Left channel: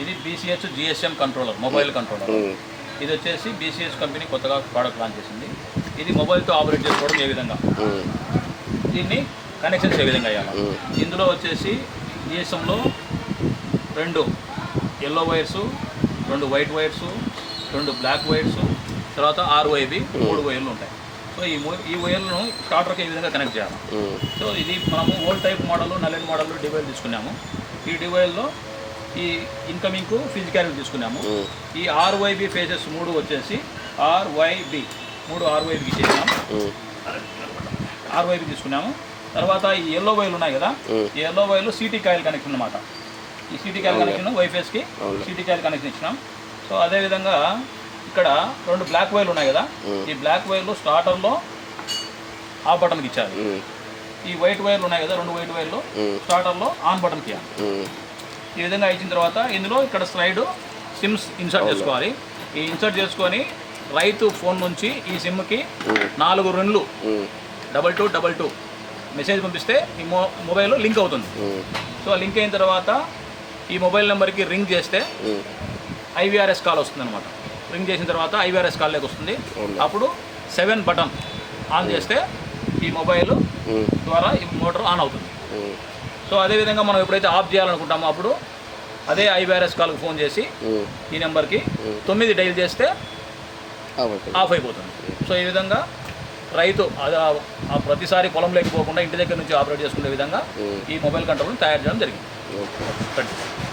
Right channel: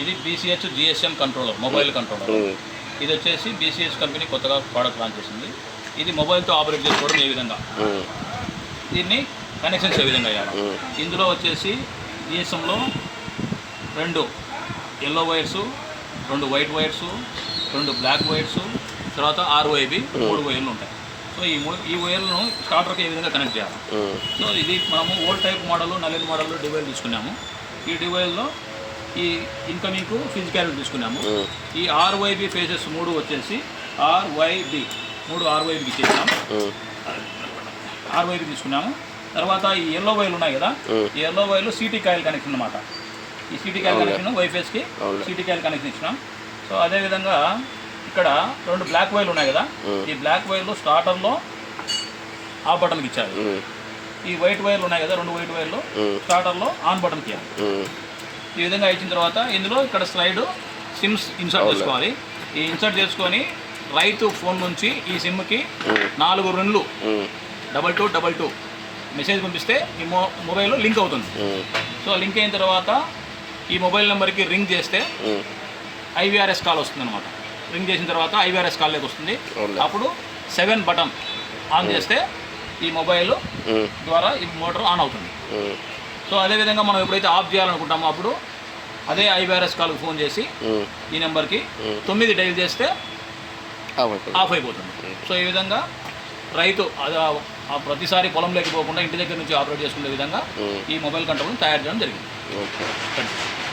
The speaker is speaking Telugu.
ఇది BCH GSM controller mobile controller. ఇది వచ్చేసి బీసీహెచ్ కంపెనీ కొత్తగా ప్రోడక్ట్ లాంచ్ చేసింది ఇది మొబైల్తో ఆపరేట్ చేసుకోవడం ఏ విధంగా ఉమ్. దీన్ని కనెక్షన్స్ ఏ విధంగా అయ్యాలి ఉమ్. ఇందులో వచ్చేసి జిఎస్ఎంలో రెండు ఎల్లో వైర్స్ రెండు వైట్ వైర్స్ రెండు బ్లాక్ వైర్స్ తర్వాత ఆరు వైబి మూడు వైర్లు ఉంటాయి సో ఈ ఈ వైర్లను స్టార్టర్కి ఏ విధంగా కనెక్ట్ చేయాలి. సో ఇది మనము ఓల్డ్ టైప్ మోడల్ నల్లెన్ మోడల్ డివైల్ తీసుకున్నాము ఈ డివైల్లో ఈ ఇన్కమింగ్కు ఫిజికాలిటీ తీసుకున్నాము. ఈ ఆర్వైబి ఫేజెస్ మూడు వచ్చేసి ఆర్వైబి మూడు ఆర్వైబికి చేసినాం ఉమ్. ఆర్వైబి తీసుకున్నాము తర్వాత ఈ ఎల్లో వైర్లు ఉన్నాయి కదా. ఈ ఎల్లో వైర్లు సిటీ కాయిల్ కనెక్షన్ అన్నమాట ఈ సిటీ కాయిల్ కనెక్షన్ వైఫైస్కి. సిటీ కాయిల్ కనెక్షన్ ఇచ్చినాం సో అదేవిధంగా ఇక్కడ రెండు బ్లాక్ వైర్లు ఉన్నాయి కదా. ఈ బ్లాక్ వైర్లు స్టార్టర్లో ఆఫ్ బటన్కి ఇచ్చారు. ఈ వైట్ వైర్లు ఉన్నాయి కదా రెండు వైట్ వైర్లు. స్టార్టర్లో ఆన్ బటన్కి ఇవ్వాలి. ఈ విధంగా ఇచ్చిన తర్వాత ఇందులో ఇక్కడ స్లైడ్ సిమ్స్ ఇన్సర్ట్ చేసుకోవాలి ఈ ఇన్సర్ట్ చేసుకొని రైతు ఫోన్ నుంచి ఈ సిమ్కి. నాలుగు రెండు ఉమ్. Double two double two message పంపిస్తే ఈ మొ మొబైల్ లింక్ అవుతుంది. సో లింక్ అయిన తర్వాత ఈ మొబైల్ నెంబర్కి రింగ్ చేస్తే. ఐవీఆర్ఎస్ కాల్ వస్తుంది అనమాట రింగ్ చేసిన తర్వాత ఐవీఆర్ఎస్ కాల్లోకి వస్తుంది అవునులే. అప్పుడు సెవెన్ బటన్ ఆన్ చేస్తే ఈ మొబైల్. ద్వారా ఈ మోటార్ ఆన్ అవుతుంది. సో అదేవిధంగా మనం ఎప్పుడైతే ఆఫ్ చేయాలనుకుంటామో అప్పుడు అదే ఐవీఆర్ఎస్ కాల్కి ఫోన్ చేసి. ఈ నెంబర్కి. తొమ్మిది డైల్ చేస్తే. ఆఫ్ అయిపోతుంది సో ఈ విధంగా రైతు ప్రతిసారి పొలం లేకపోకుండా ఇంటి దగ్గర నుంచి ఆపరేట్ చేసుకునే విధంగా. ఈ మొబైల్ కంట్రోల్ని తయారు చేయడం జరిగింది ఓకే థ్యాంక్ యూ